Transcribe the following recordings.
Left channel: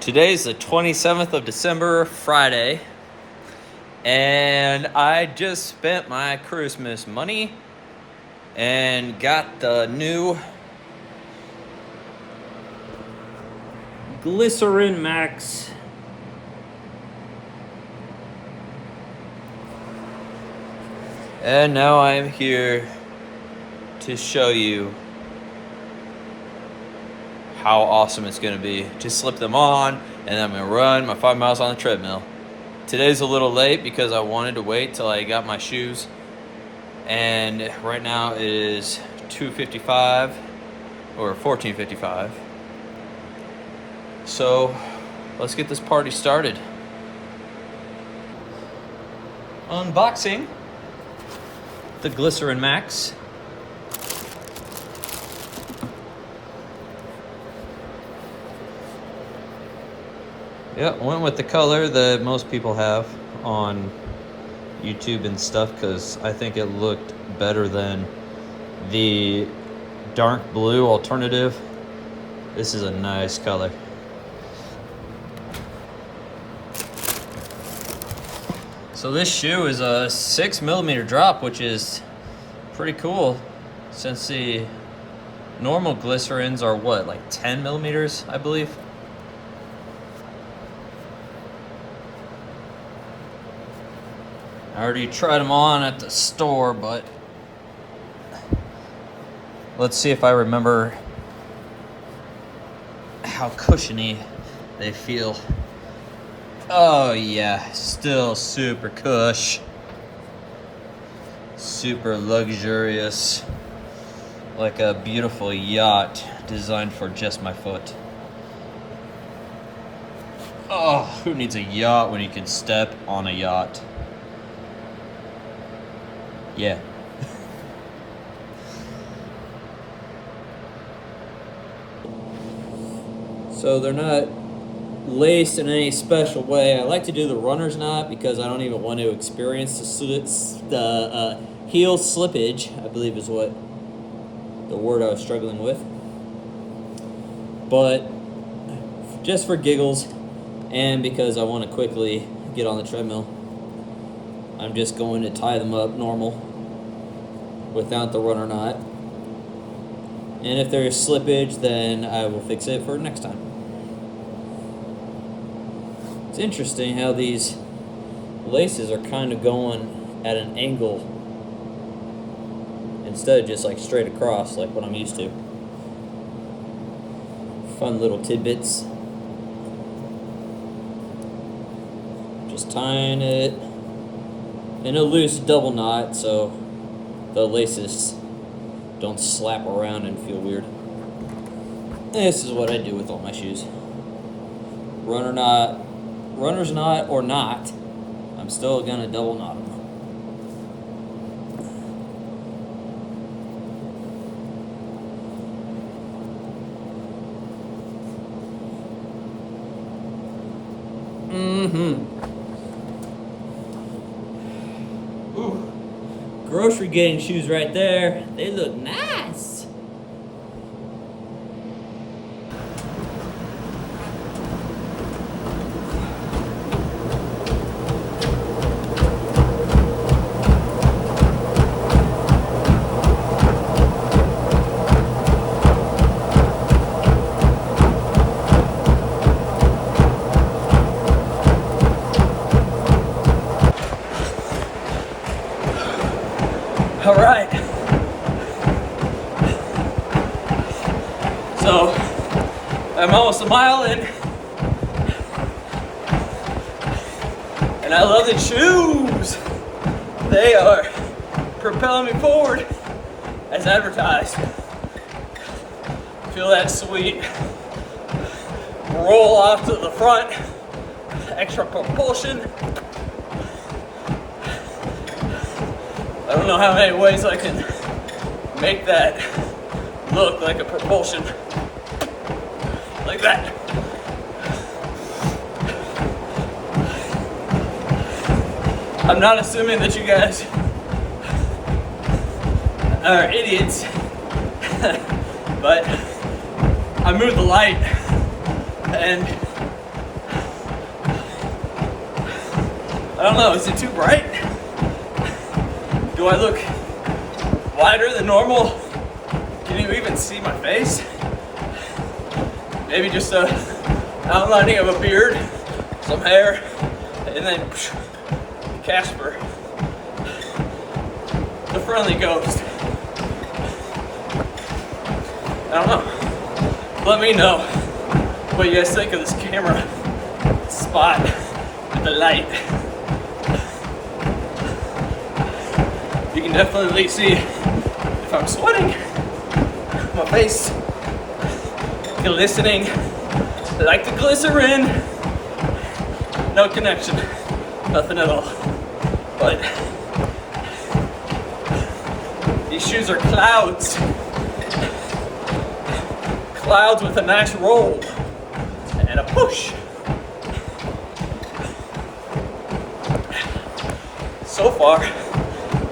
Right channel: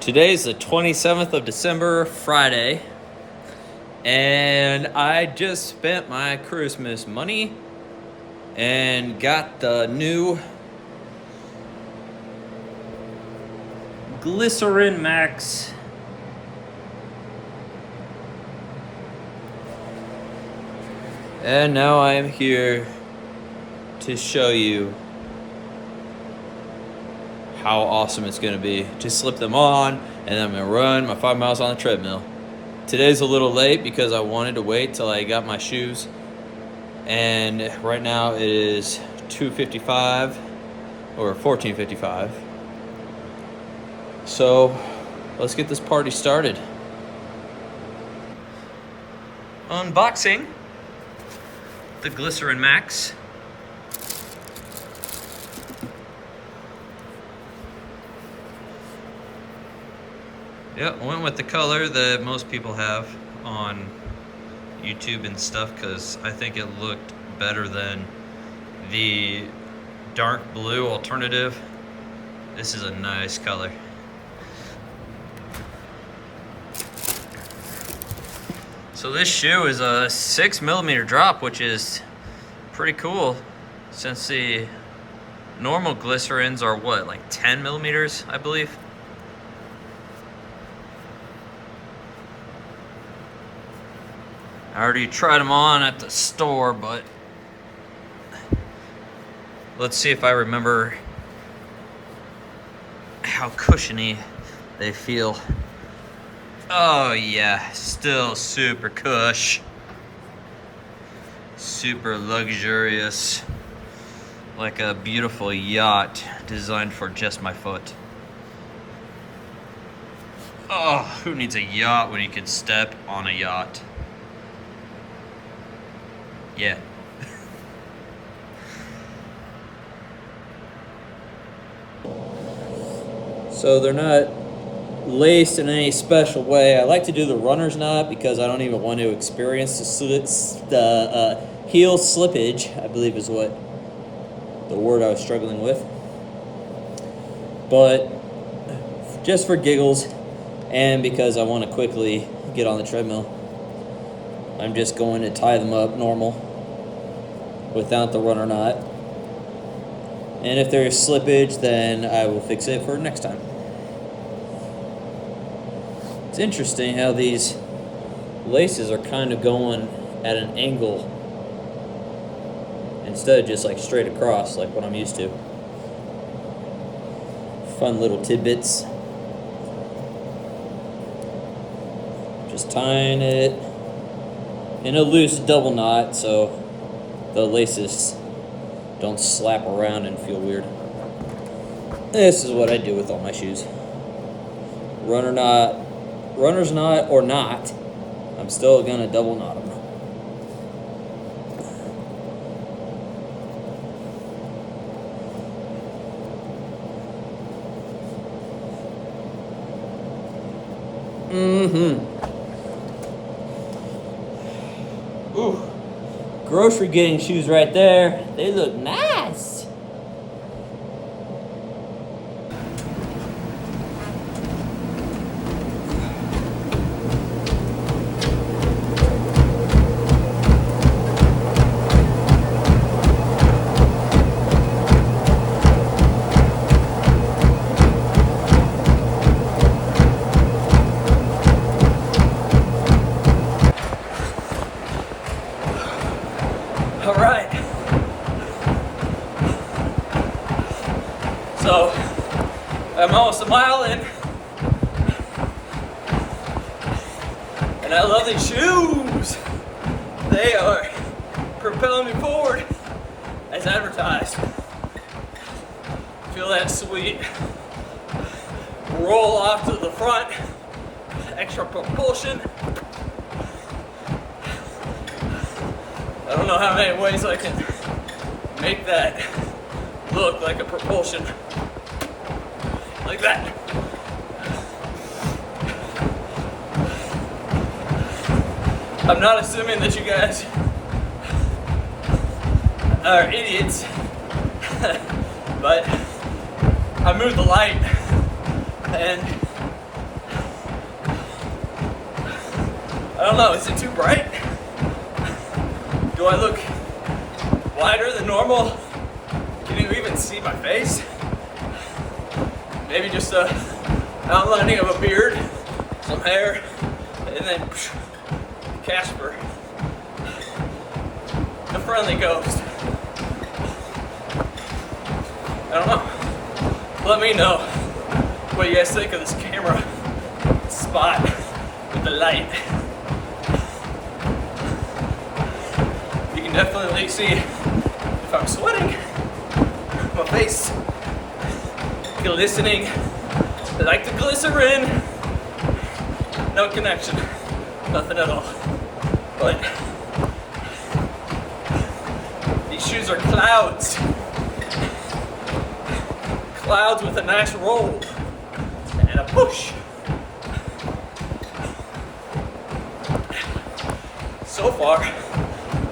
Today's the 27th of December, Friday, and I just spent my Christmas money and got the new Glycerin Max and now I am here to show you how awesome it's going to be. Just slip them on and I'm going to run my 5 miles on the treadmill. Today's a little late because I wanted to wait till I got my shoes, and right now it is 2:55 or 14:55. So let's get this party started. Unboxing the Glycerin Max. Yeah, went with the color that most people have on YouTube and stuff because I think it looked better than the dark blue alternative. This is a nice color. So this shoe is a 6mm drop, which is pretty cool since the normal glycerins are what, like 10mm, I believe. I already tried them on at the store, but let's see if I remember how cushiony they feel. Oh yeah, still super cush. Super luxurious. Like a beautiful yacht designed for just my foot. Oh, who needs a yacht when you can step on a yacht? Yeah. So they're not laced in any special way. I like to do the runner's knot because I don't even want to experience the heel slippage, I believe is what the word I was struggling with. But just for giggles and because I want to quickly get on the treadmill, I'm just going to tie them up normal without the runner knot. And if there's slippage, then I will fix it for next time. It's interesting how these laces are kind of going at an angle instead of just like straight across like what I'm used to. Fun little tidbits. Just tying it in a loose double knot so the laces don't slap around and feel weird. This is what I do with all my shoes. Runner's knot or not, I'm still gonna double knot them. Ooh. Grocery getting shoes right there. They look nice. All right. So I'm almost a mile in, and I love these shoes. They are propelling me forward as advertised. Feel that sweet roll off to the front, extra propulsion. I don't know how many ways I can make that look like a propulsion. Like that. I'm not assuming that you guys are idiots, but I moved the light and know, is it too bright? Do I look wider than normal? Can you even see my face? Maybe just a outlining of a beard, some hair, and then Casper, the friendly ghost. I don't know. Let me know what you guys think of this camera spot with the light. You can definitely see if I'm sweating, my face glistening like the glycerin. No connection, nothing at all. But these shoes are clouds. Clouds with a nice roll and a push. So far,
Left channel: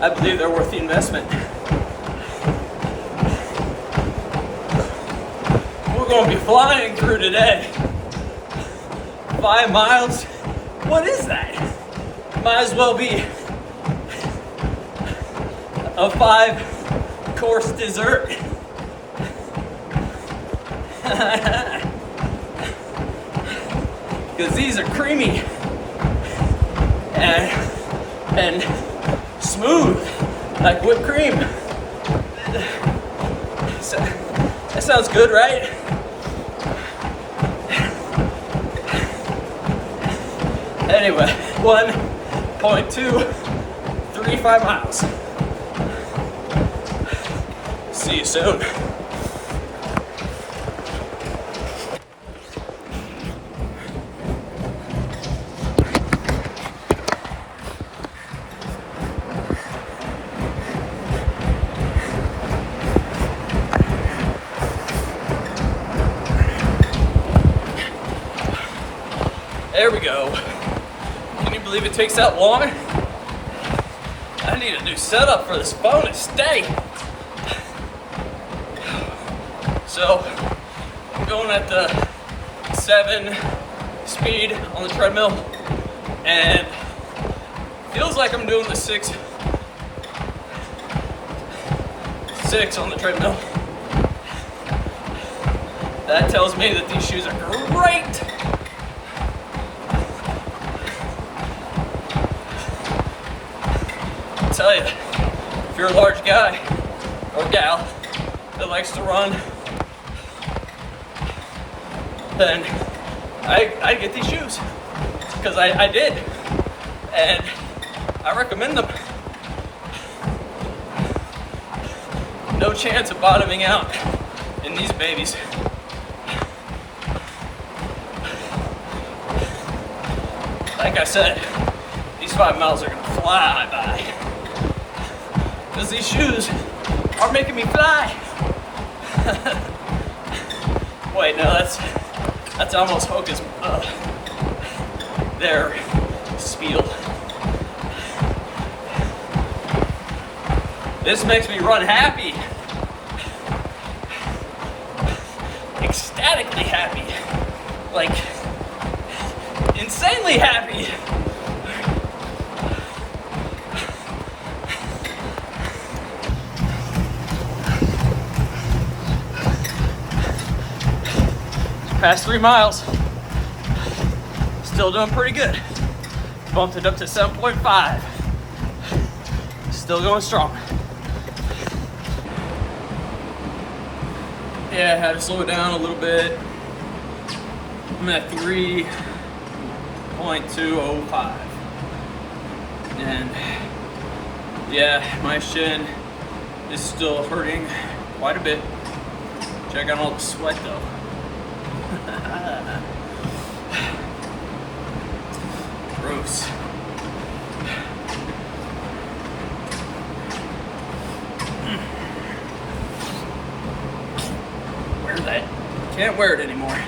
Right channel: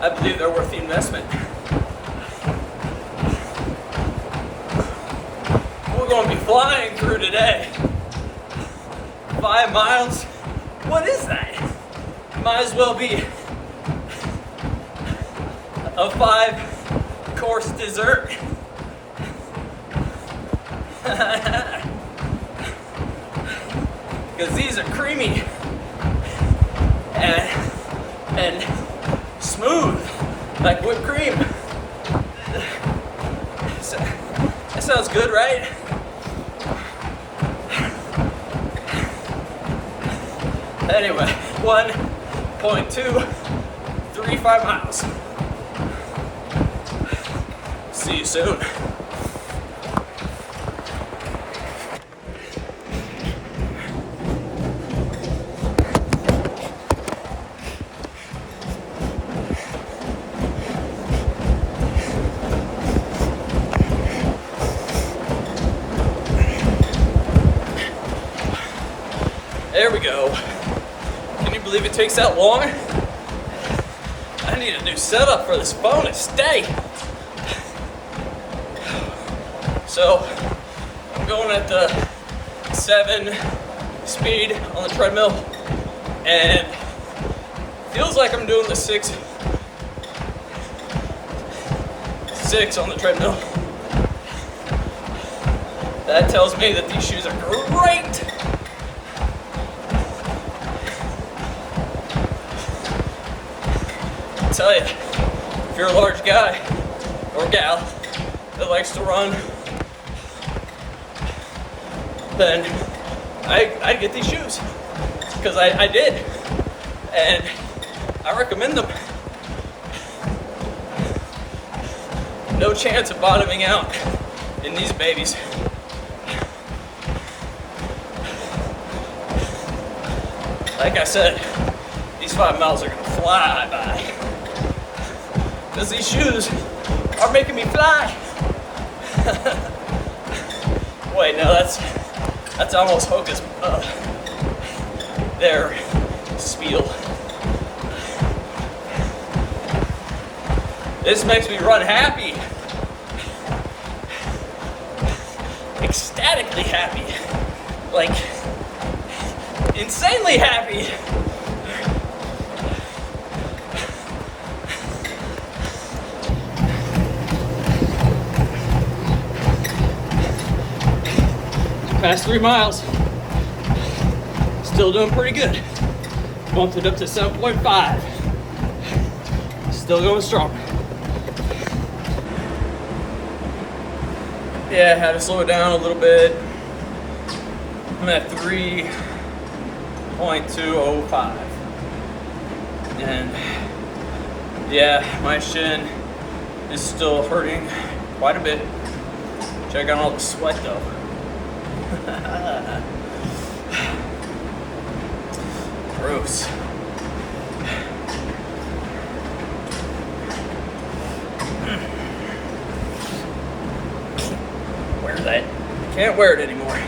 I believe they're worth the investment. We're going to be flying through today. 5 miles? What is that? Might as well be a 5-course dessert. Because these are creamy and smooth like whipped cream. That sounds good, right? Anyway, 1.235 miles. See you soon. There we go. Can you believe it takes that long? I need a new setup for this bonus day. So, I'm going at the 7 speed on the treadmill, and feels like I'm doing the 6 on the treadmill. That tells me that these shoes are great. I tell you, if you're a large guy or gal that likes to run, then I get these shoes, because I did, and I recommend them. No chance of bottoming out in these babies. Like I said, these 5 miles are gonna fly by, because these shoes are making me fly. Wait, no, that's almost hocus. Their spiel. This makes me run happy, ecstatically happy, like insanely happy. Past 3 miles, still doing pretty good. Bumped it up to 7.5. Still going strong. Yeah, I had to slow it down a little bit. I'm at 3.205. And yeah, my shin is still hurting quite a bit. Check out all the sweat though. Gross. Wear that. Can't wear it anymore.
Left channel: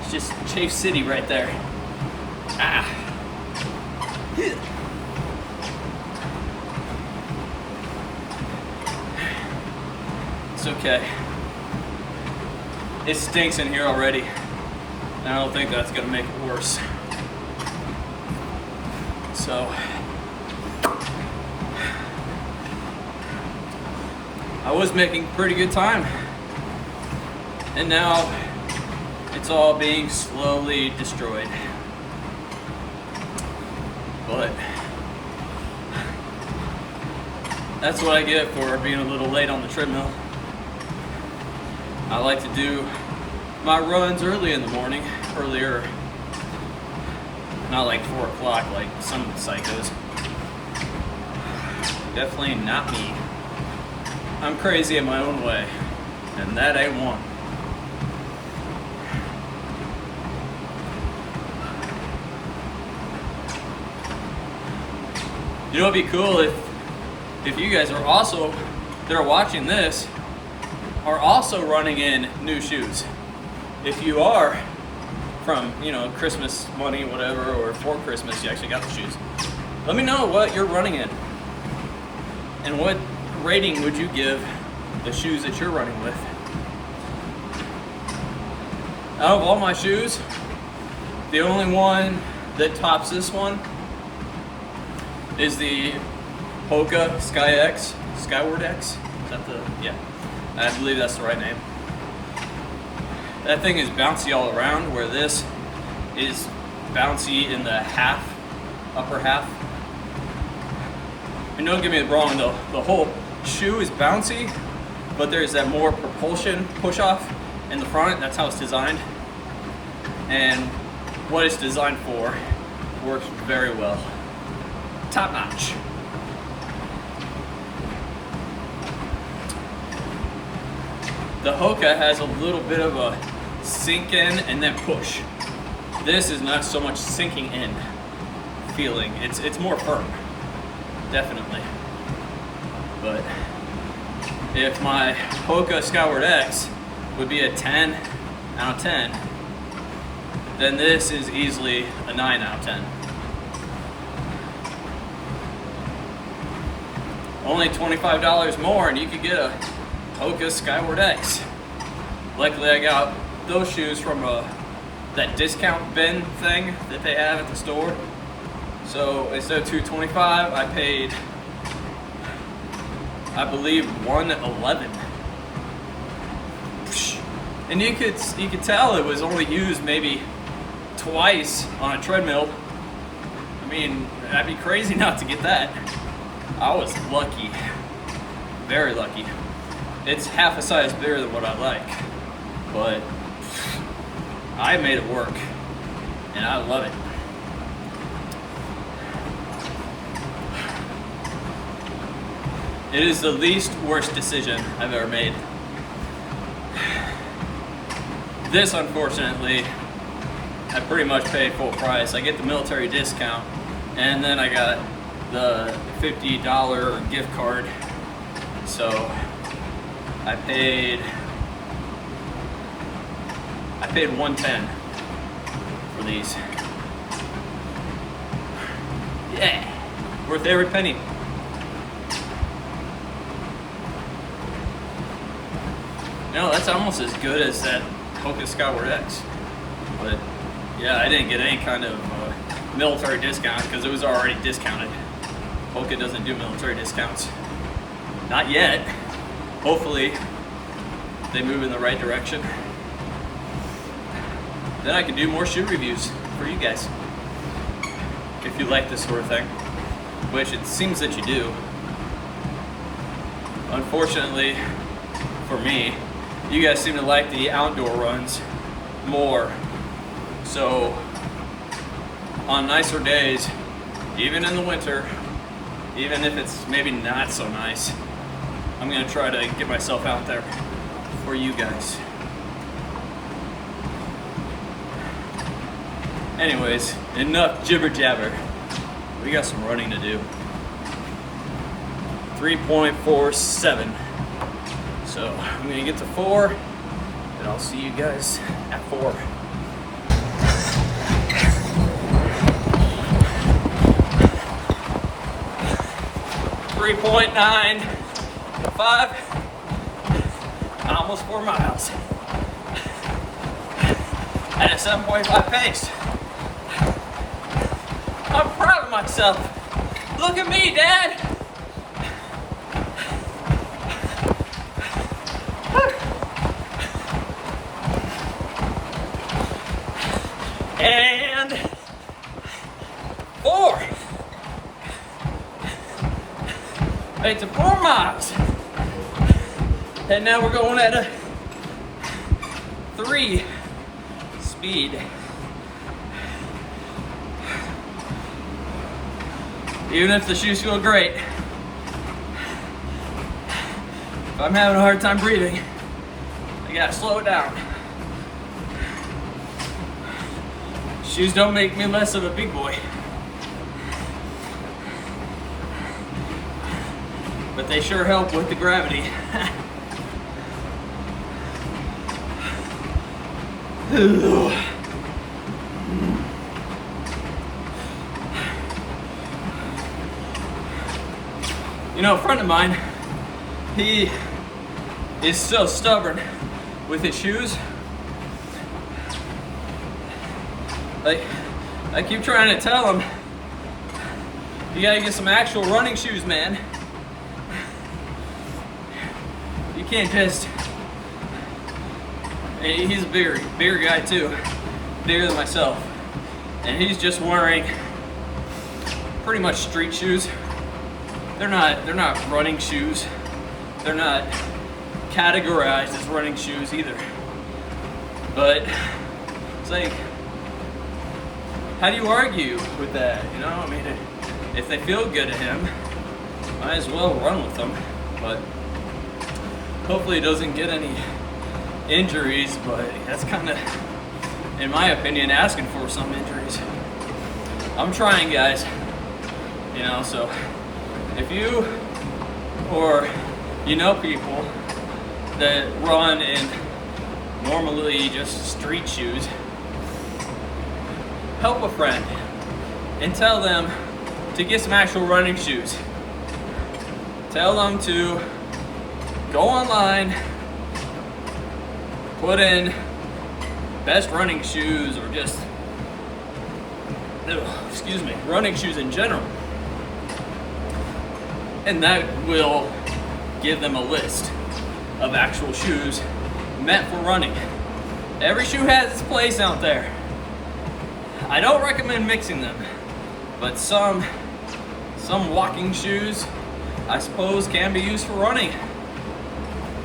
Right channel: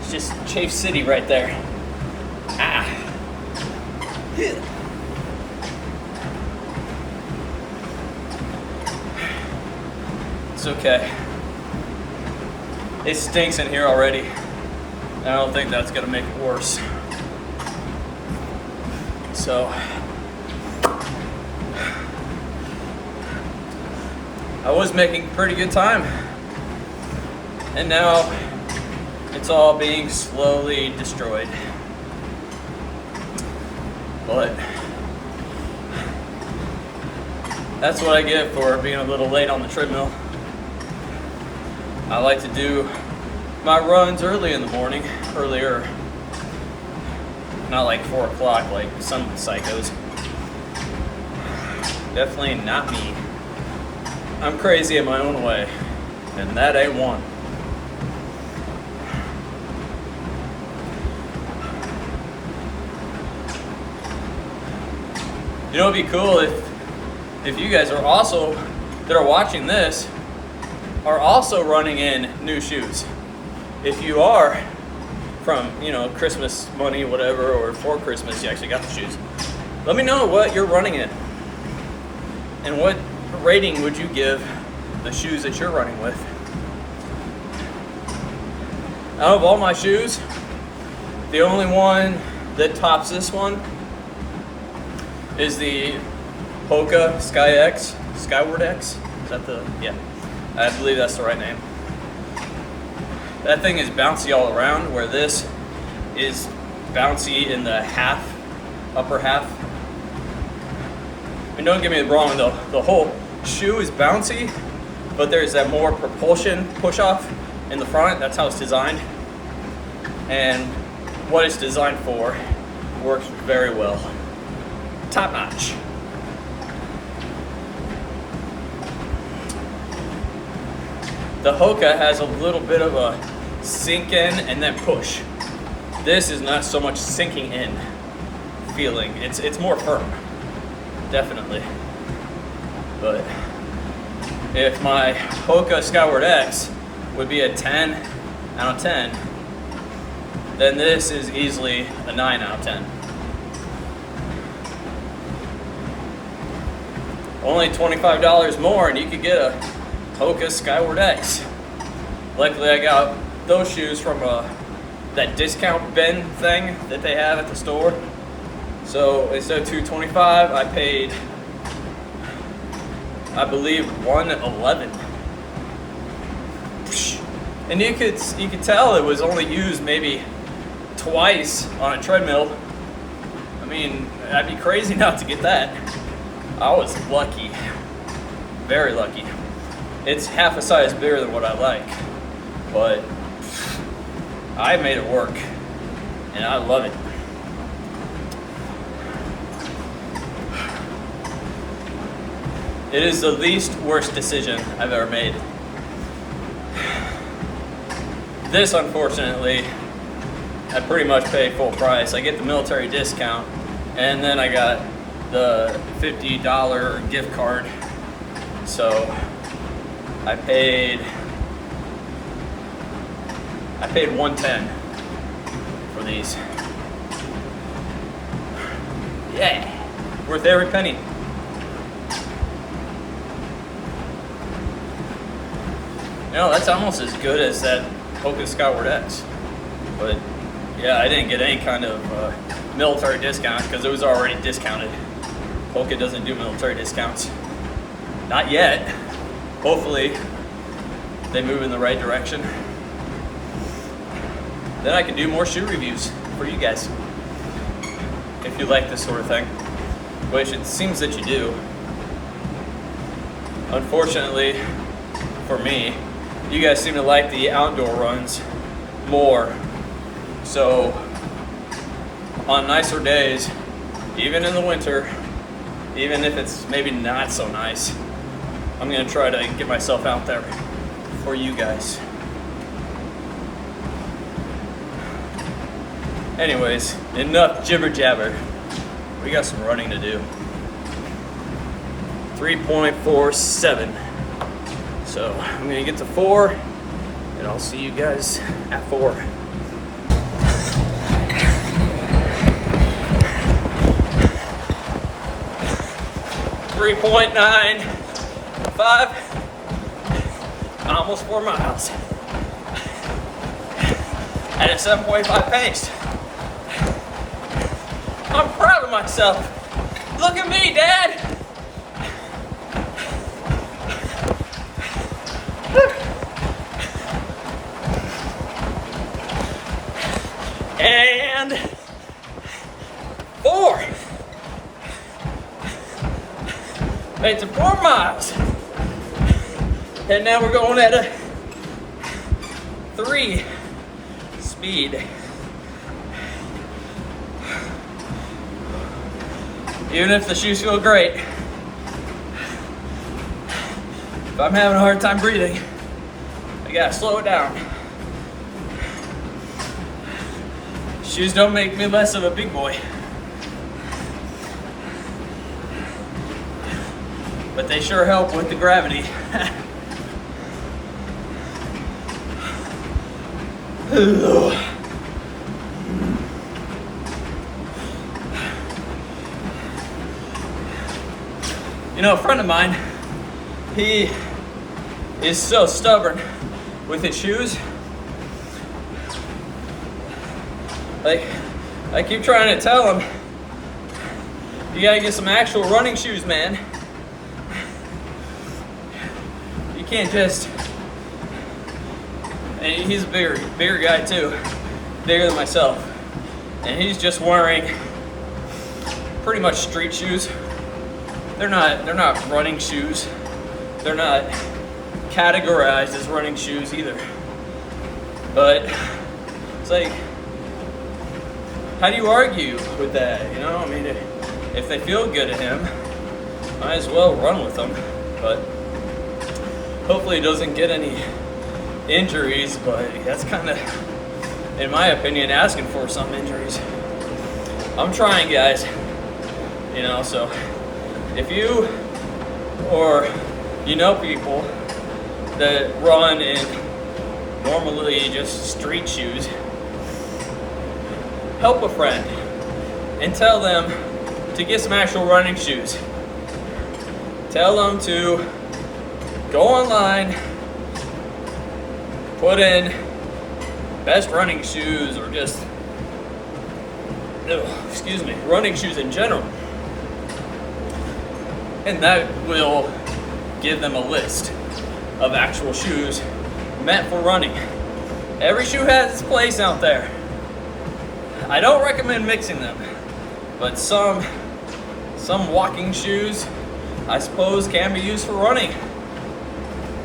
It's just Chafe City right there. Ah. It's okay. It stinks in here already. And I don't think that's gonna make it worse. So I was making pretty good time, and now it's all being slowly destroyed. But that's what I get for being a little late on the treadmill. I like to do my runs early in the morning, earlier, not like 4 o'clock like some psychos. Definitely not me. I'm crazy in my own way, and that ain't one. You know, it'd be cool if you guys are also, that are watching this, are also running in new shoes. If you are from, you know, Christmas money, whatever, or for Christmas you actually got the shoes, let me know what you're running in. And what rating would you give the shoes that you're running with? Out of all my shoes, the only one that tops this one is the Hoka Skyward X. Is that the, yeah, I believe that's the right name. That thing is bouncy all around, where this is bouncy in the upper half. And don't get me wrong, the whole shoe is bouncy, but there's that more propulsion push-off in the front. That's how it's designed. And what it's designed for works very well. Top notch. The Hoka has a little bit of a sink in and then push. This is not so much sinking in feeling. It's more firm, definitely. But if my Hoka Skyward X would be a 10 out of 10, then this is easily a 9 out of 10. Only $25 more and you could get a Hoka Skyward X. Luckily I got those shoes from that discount bin thing that they have at the store. So instead of $225, I paid, I believe, $111. And you could tell it was only used maybe twice on a treadmill. I mean, I'd be crazy not to get that. I was lucky, very lucky. It's half a size bigger than what I like, but I made it work, and I love it. It is the least worst decision I've ever made. This, unfortunately, I pretty much pay full price. I get the military discount, and then I got the $50 gift card. So I paid $110 for these. Yeah, worth every penny. No, that's almost as good as that Hoka Skyward X. But yeah, I didn't get any kind of military discount because it was already discounted. Hoka doesn't do military discounts. Not yet. Hopefully they move in the right direction. Then I can do more shoe reviews for you guys. If you like this sort of thing, which it seems that you do. Unfortunately for me, you guys seem to like the outdoor runs more. So on nicer days, even in the winter, even if it's maybe not so nice, I'm gonna try to get myself out there for you guys. Anyways, enough jibber jabber. We got some running to do. 3.47. So I'm gonna get to 4, and I'll see you guys at 4. .95, almost 4 miles. at a 7.5 pace. I'm proud of myself. Look at me, Dad. And 4. Made it to 4 miles. And now we're going at a 3 speed. Even if the shoes feel great, if I'm having a hard time breathing, I gotta slow it down. Shoes don't make me less of a big boy, but they sure help with the gravity. You know, a friend of mine, he is so stubborn with his shoes. Like, I keep trying to tell him, you gotta get some actual running shoes, man. You can't just, and he's a bigger guy too, bigger than myself. And he's just wearing pretty much street shoes. They're not running shoes. They're not categorized as running shoes either. But it's like, how do you argue with that? You know, I mean, if they feel good to him, might as well run with them. But hopefully he doesn't get any injuries, but that's kind of, in my opinion, asking for some injuries. I'm trying, guys. You know, so if you or you know people that run in normally just street shoes, help a friend and tell them to get some actual running shoes. Tell them to go online, put in best running shoes, or just, running shoes in general. And that will give them a list of actual shoes meant for running. Every shoe has its place out there. I don't recommend mixing them, but some walking shoes, I suppose, can be used for running.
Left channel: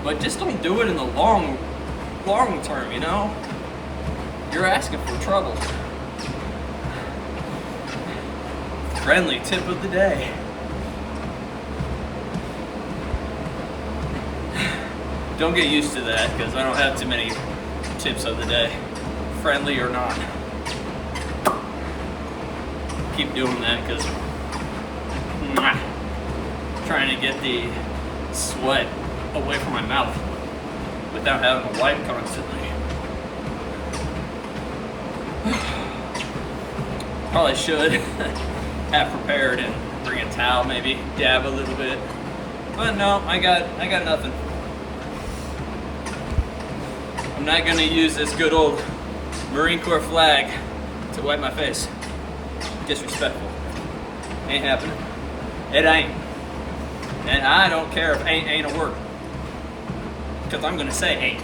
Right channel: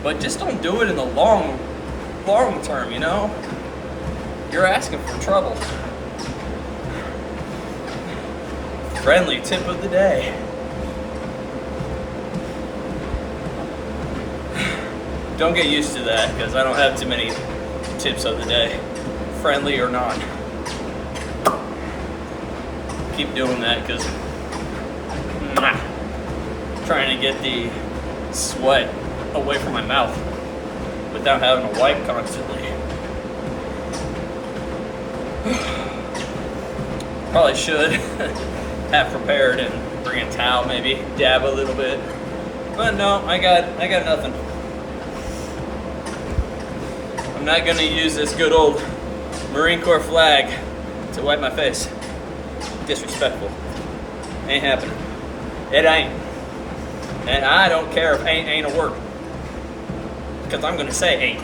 But just don't do it in the long term, you know? You're asking for trouble. Friendly tip of the day. Don't get used to that, because I don't have too many tips of the day, friendly or not. Keep doing that, because trying to get the sweat away from my mouth without having to wipe constantly. Probably should have prepared and bring a towel, maybe dab a little bit, but no, I got nothing. I'm not gonna use this good old Marine Corps flag to wipe my face. Disrespectful. Ain't happening. It ain't. And I don't care if ain't a word, because I'm gonna say ain't.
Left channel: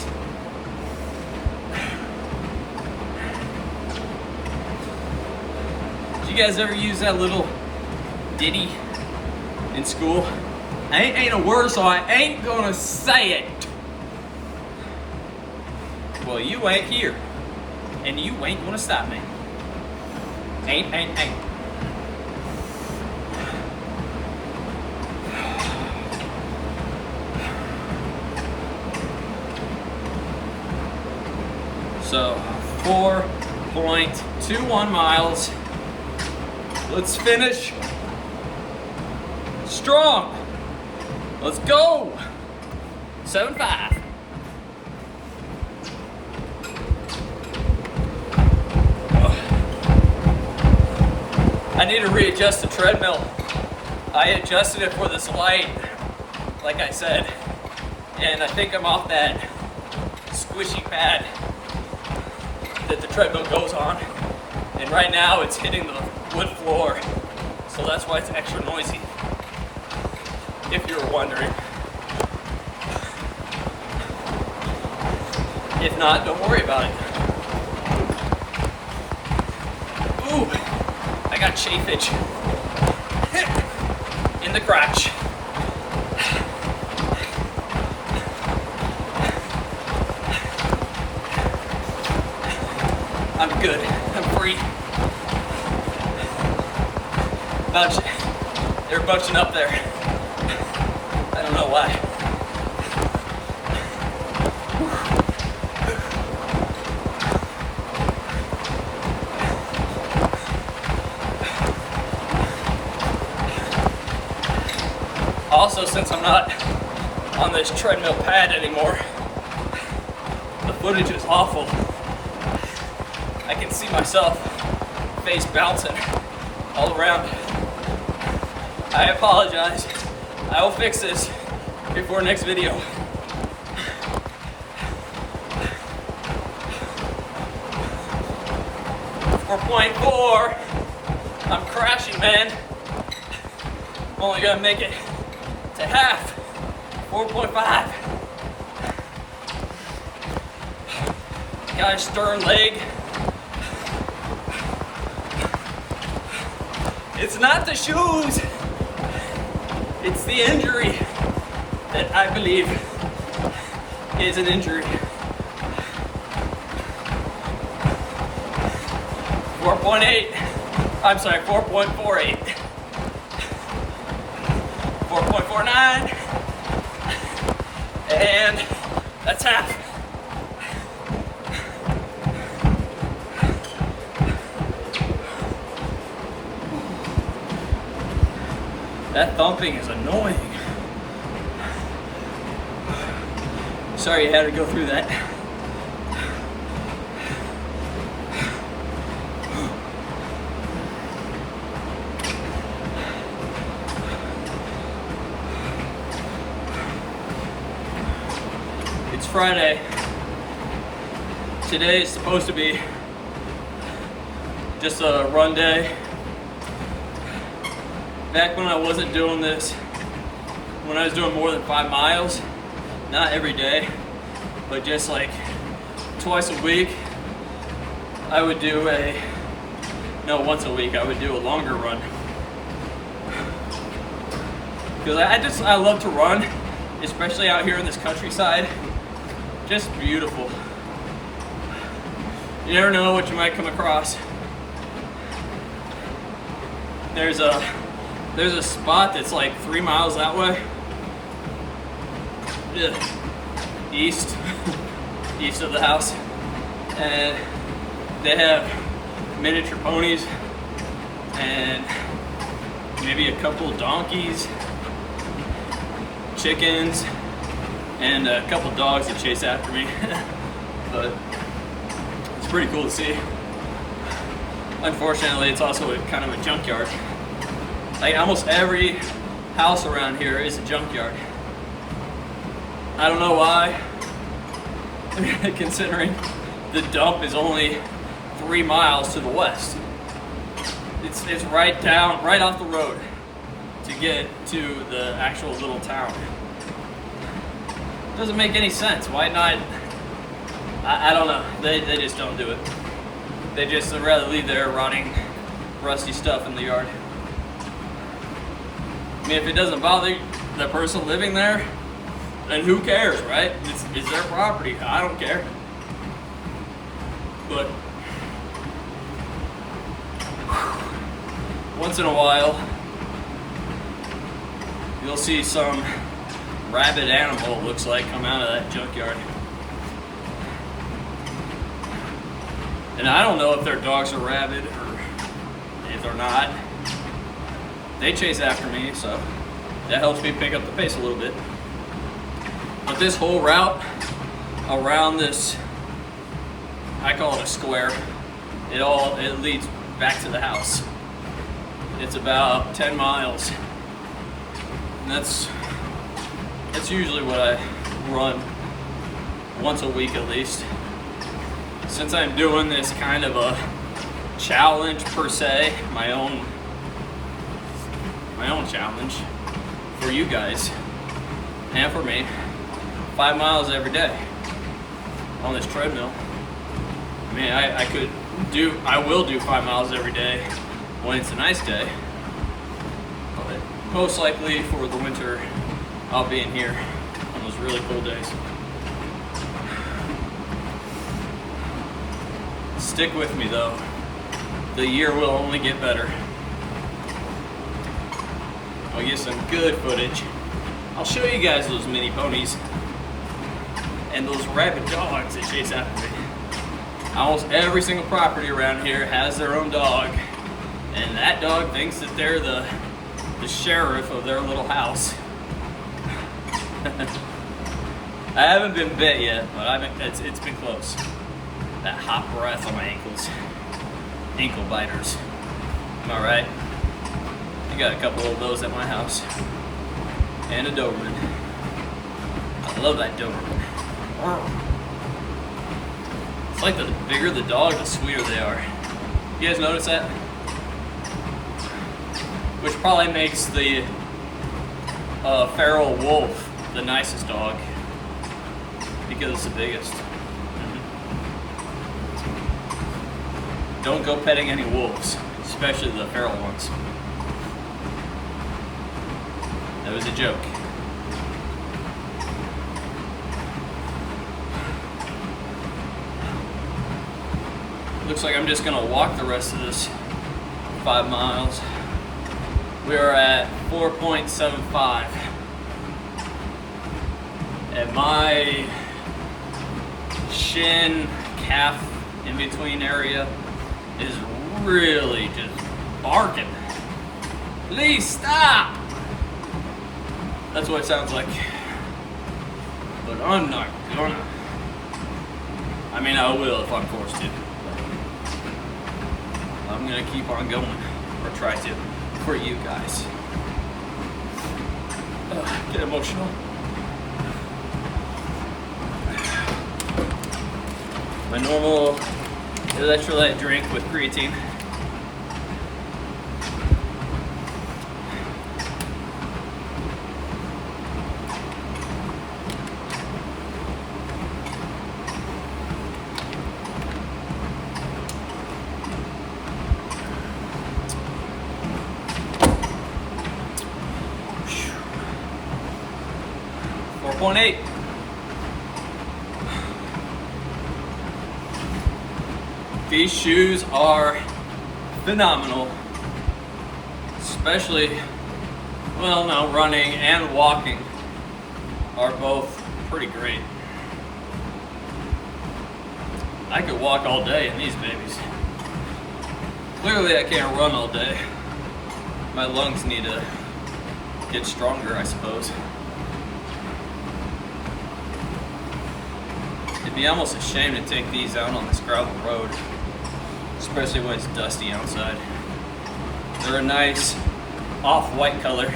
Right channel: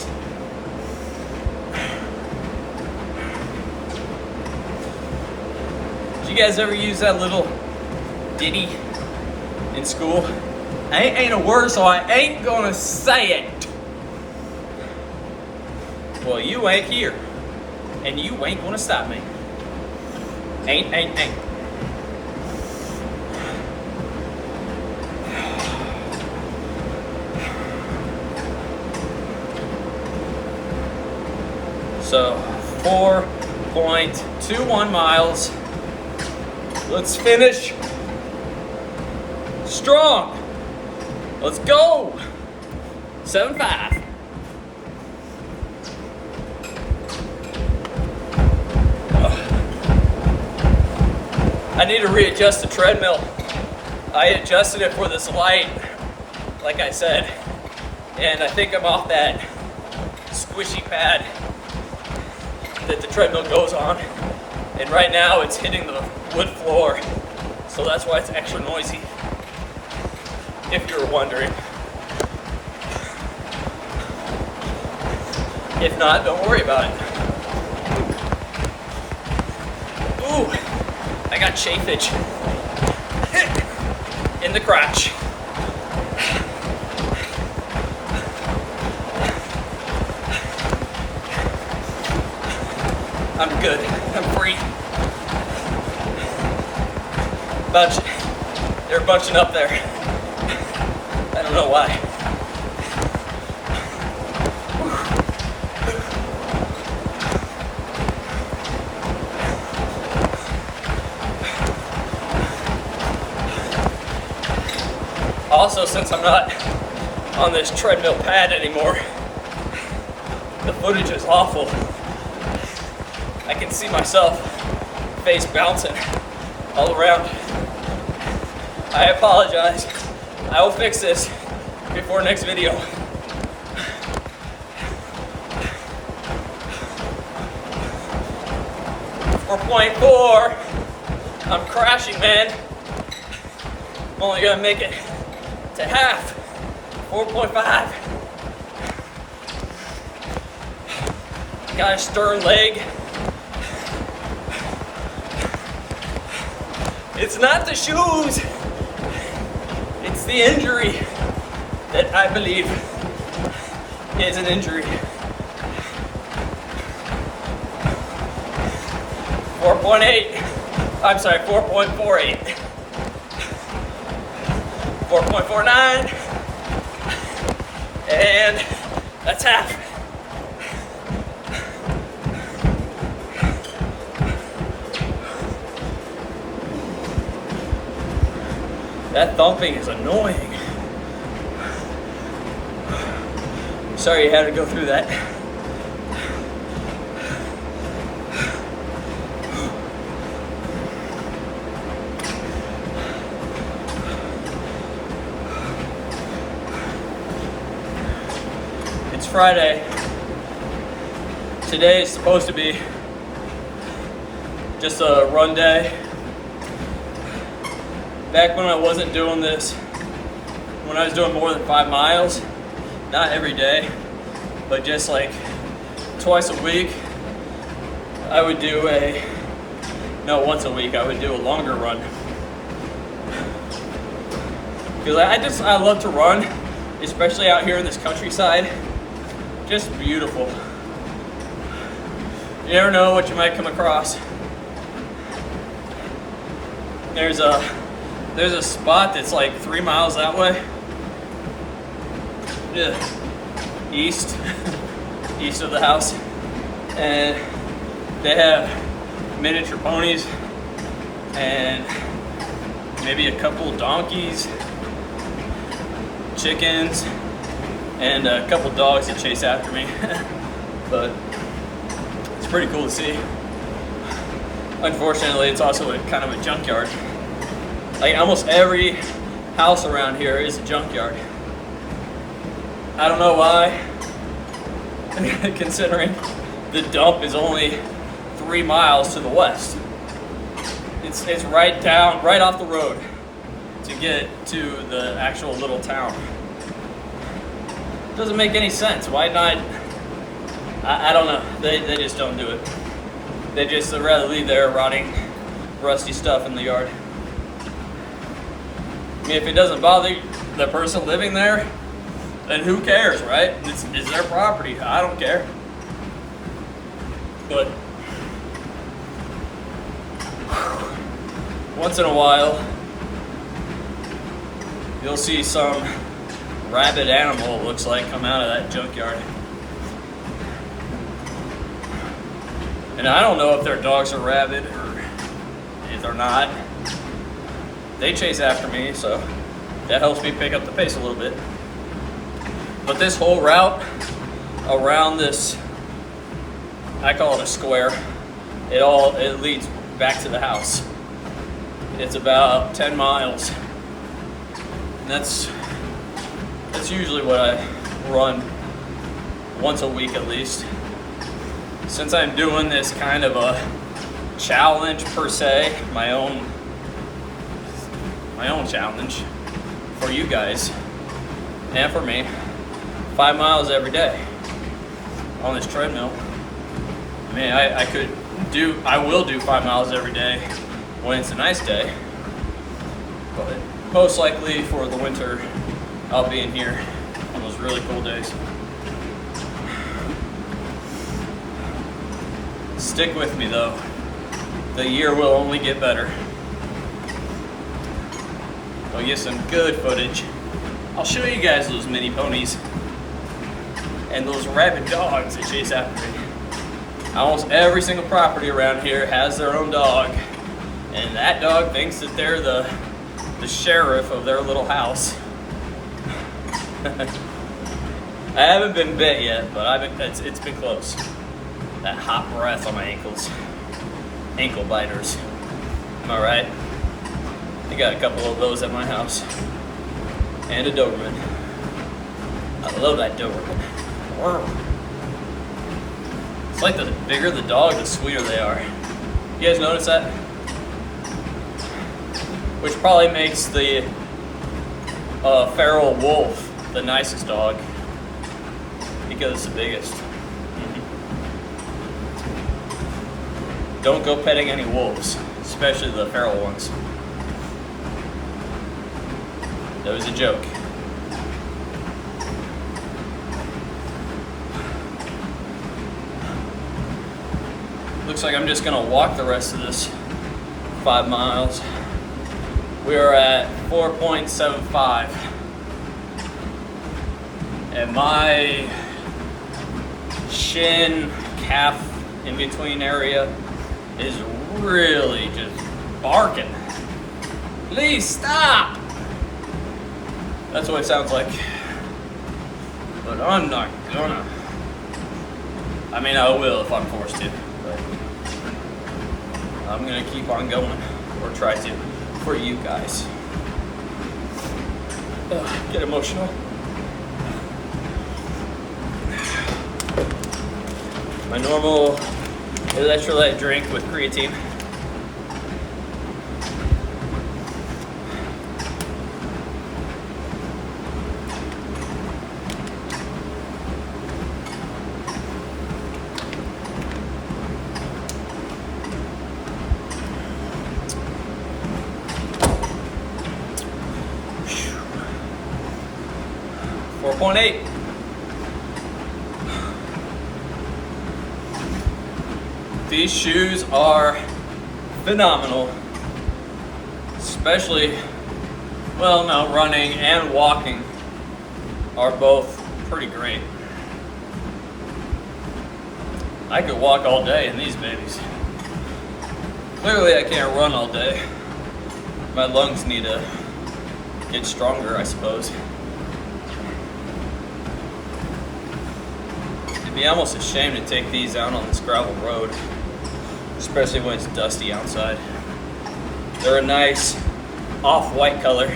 Did you guys ever use that little ditty in school? Ain't a word, so I ain't gonna say it. Well, you ain't here, and you ain't gonna stop me. Ain't. So 4.21 miles. Let's finish strong. Let's go. 7.5. I need to readjust the treadmill. I adjusted it for this light, like I said, and I think I'm off that squishy pad that the treadmill goes on. And right now it's hitting the wood floor. So that's why it's extra noisy, if you were wondering. If not, don't worry about it. Ooh, I got chafage in the crotch. I'm good, I'm free. They're bunching up there. I don't know why. Also, since I'm not on this treadmill pad anymore, the footage is awful. I can see myself face bouncing all around. I apologize. I will fix this before next video. For 4.4, I'm crashing, man. I'm only gonna make it to half. 4.5. Got a stern leg. It's not the shoes. It's the injury that I believe is an injury. 4.8. I'm sorry, 4.48. 4.49. And that's half. That thumping is annoying. Sorry you had to go through that. It's Friday. Today is supposed to be just a run day. Back when I wasn't doing this, when I was doing more than 5 miles, not every day, but just like twice a week, I would do once a week, I would do a longer run. Because I love to run, especially out here in this countryside. Just beautiful. You never know what you might come across. There's a spot that's like 3 miles that way. Yeah. East of the house. And they have miniature ponies and maybe a couple donkeys, chickens, and a couple dogs that chase after me. But it's pretty cool to see. Unfortunately, it's also kind of a junkyard. Like almost every house around here is a junkyard. I don't know why, considering the dump is only 3 miles to the west. It's right off the road to get to the actual little town. Doesn't make any sense. Why not? I don't know. They just don't do it. They'd rather leave their rotting, rusty stuff in the yard. I mean, if it doesn't bother the person living there, then who cares, right? It's their property. I don't care. But once in a while, you'll see some rabid animal, it looks like, come out of that junkyard. And I don't know if their dogs are rabid or if they're not. They chase after me, so that helps me pick up the pace a little bit. But this whole route around this, I call it a square, it leads back to the house. It's about 10 miles. And that's usually what I run once a week at least. since I'm doing this kind of a challenge per se, my own challenge for you guys and for me, 5 miles every day on this treadmill. I mean, I will do 5 miles every day when it's a nice day, but most likely for the winter, I'll be in here on those really cool days. Stick with me though. The year will only get better. I'll get some good footage. I'll show you guys those mini ponies and those rabid dogs that chase after me. Almost every single property around here has their own dog, and that dog thinks that they're the sheriff of their little house. I haven't been bit yet, but it's been close. That hot breath on my ankles. Ankle biters. Am I right? I got a couple of those at my house. And a Doberman. I love that Doberman. It's like the bigger the dog, the sweeter they are. You guys notice that? Which probably makes the feral wolf the nicest dog because it's the biggest. Don't go petting any wolves, especially the feral ones. That was a joke. Looks like I'm just gonna walk the rest of this 5 miles. We are at 4.75. And my shin, calf, in between area is really just barking. Please stop! That's what it sounds like. But I'm not gonna. I mean, I will if I'm forced to. But I'm gonna keep on going, or try to, for you guys. Get emotional. My normal electrolyte drink with creatine. Whew. 4.8. These shoes are phenomenal, especially, well, no, running and walking are both pretty great. I could walk all day in these babies. Clearly I can't run all day. My lungs need to get stronger, I suppose. It'd be almost a shame to take these out on this gravel road, especially when it's dusty outside. They're a nice off-white color.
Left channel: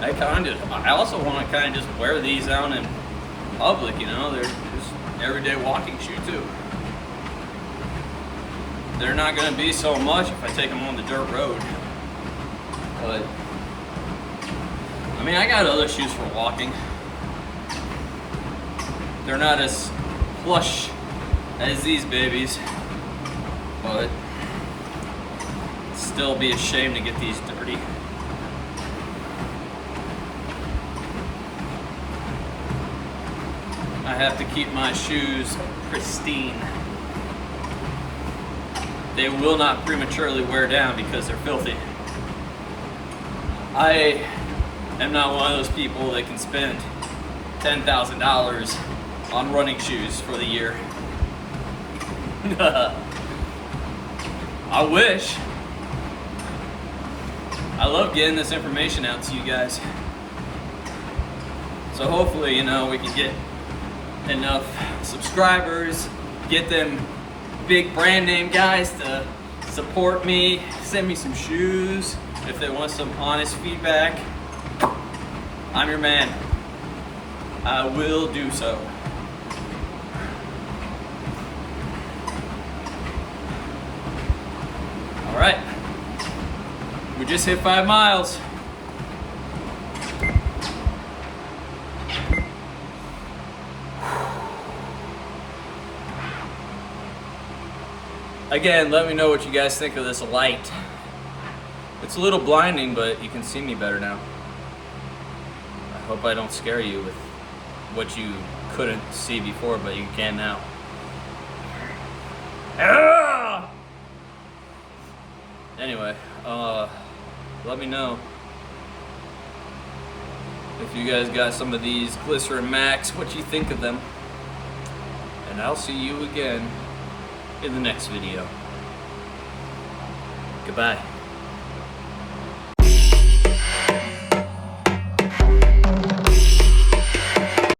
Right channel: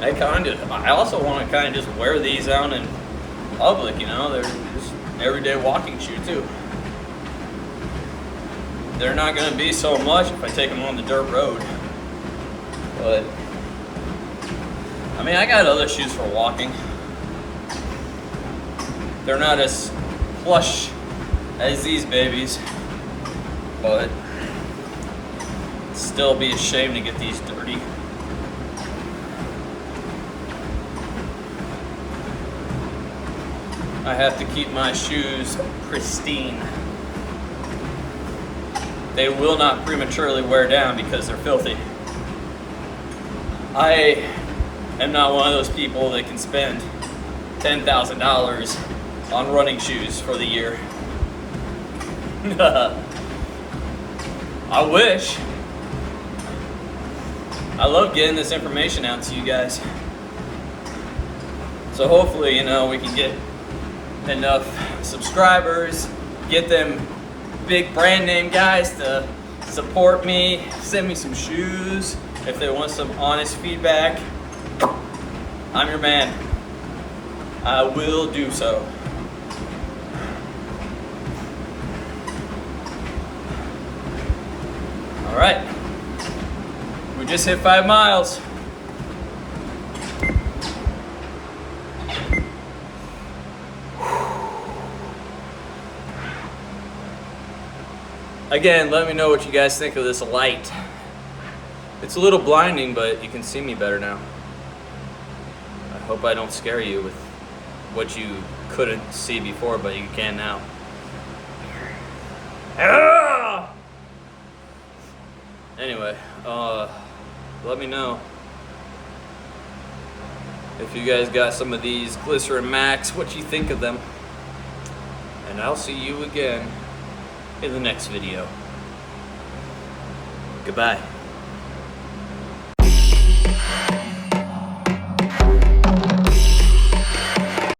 I also want to kind of just wear these out in public, you know. They're just everyday walking shoe too. They're not going to be so much if I take them on the dirt road. But, I mean, I got other shoes for walking. They're not as plush as these babies, but still be a shame to get these dirty. I have to keep my shoes pristine. They will not prematurely wear down because they're filthy. I am not one of those people that can spend $10,000 on running shoes for the year. I wish. I love getting this information out to you guys. So hopefully, you know, we can get enough subscribers, get them big brand name guys to support me, send me some shoes if they want some honest feedback. I'm your man. I will do so. just hit 5 miles. Again, let me know what you guys think of this light. It's a little blinding, but you can see me better now. I hope I don't scare you with what you couldn't see before, but you can now. Ah! Anyway, let me know if you guys got some of these Glycerin Max, what you think of them. And I'll see you again in the next video. Goodbye.